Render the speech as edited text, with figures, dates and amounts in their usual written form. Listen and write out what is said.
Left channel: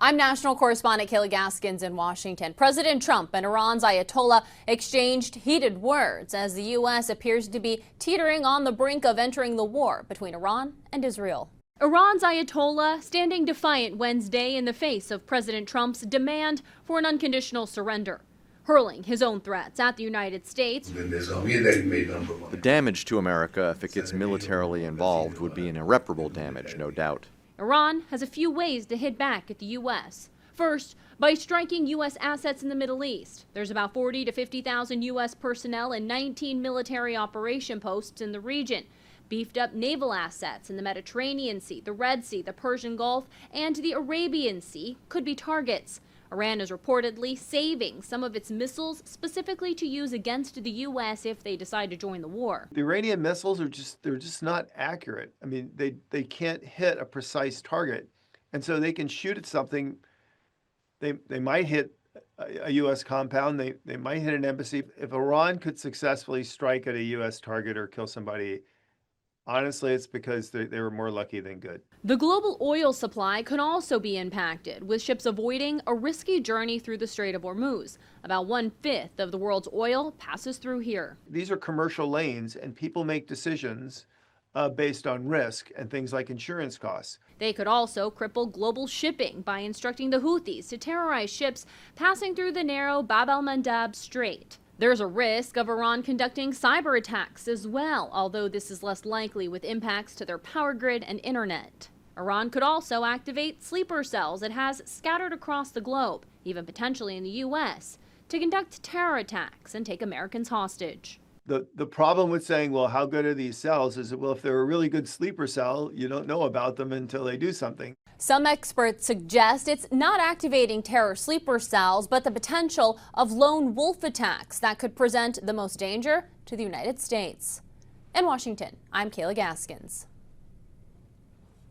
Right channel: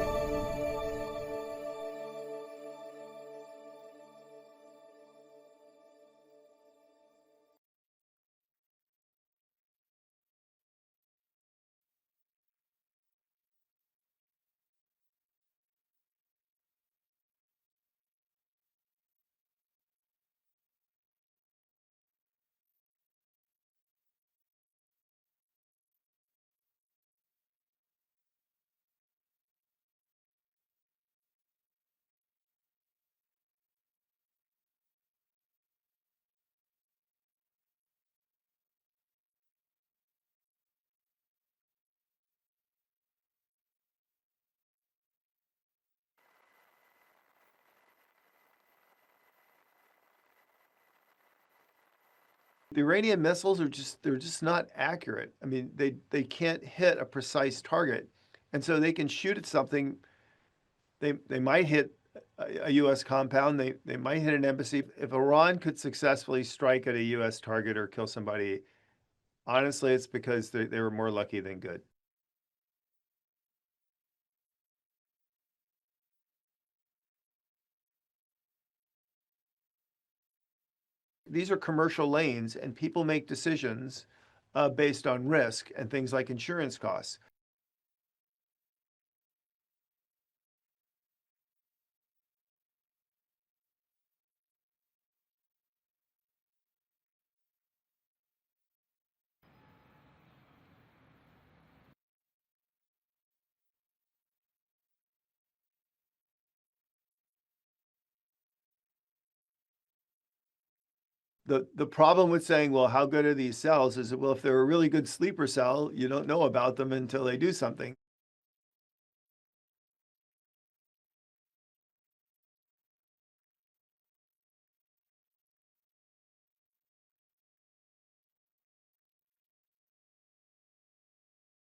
I'm national correspondent Kayla Gaskins in Washington. President Trump and Iran's Ayatollah exchanged heated words as the U.S. appears to be teetering on the brink of entering the war between Iran and Israel. Iran's Ayatollah standing defiant Wednesday in the face of President Trump's demand for an unconditional surrender, hurling his own threats at the United States. The damage to America, if it gets militarily involved, would be an irreparable damage, no doubt. Iran has a few ways to hit back at the U.S. First, by striking U.S. assets in the Middle East. There's about 40 to 50,000 U.S. personnel and 19 military operation posts in the region. Beefed up naval assets in the Mediterranean Sea, the Red Sea, the Persian Gulf, and the Arabian Sea could be targets. Iran is reportedly saving some of its missiles specifically to use against the U.S. if they decide to join the war. The Iranian missiles are just not accurate. I mean, they can't hit a precise target. And so they can shoot at something. They might hit a U.S. compound. They might hit an embassy. If Iran could successfully strike at a U.S. target or kill somebody, honestly, it's because they were more lucky than good. The global oil supply could also be impacted, with ships avoiding a risky journey through the Strait of Hormuz. About 1/5 of the world's oil passes through here. These are commercial lanes, and people make decisions based on risk and things like insurance costs. They could also cripple global shipping by instructing the Houthis to terrorize ships passing through the narrow Bab el-Mandab Strait. There's a risk of Iran conducting cyber attacks as well, although this is less likely with impacts to their power grid and internet. Iran could also activate sleeper cells it has scattered across the globe, even potentially in the U.S., to conduct terror attacks and take Americans hostage. The problem with saying, well, how good are these cells is that, well, if they're a really good sleeper cell, you don't know about them until they do something. Some experts suggest it's not activating terror sleeper cells, but the potential of lone wolf attacks that could present the most danger to the United States. In Washington, I'm Kayla Gaskins.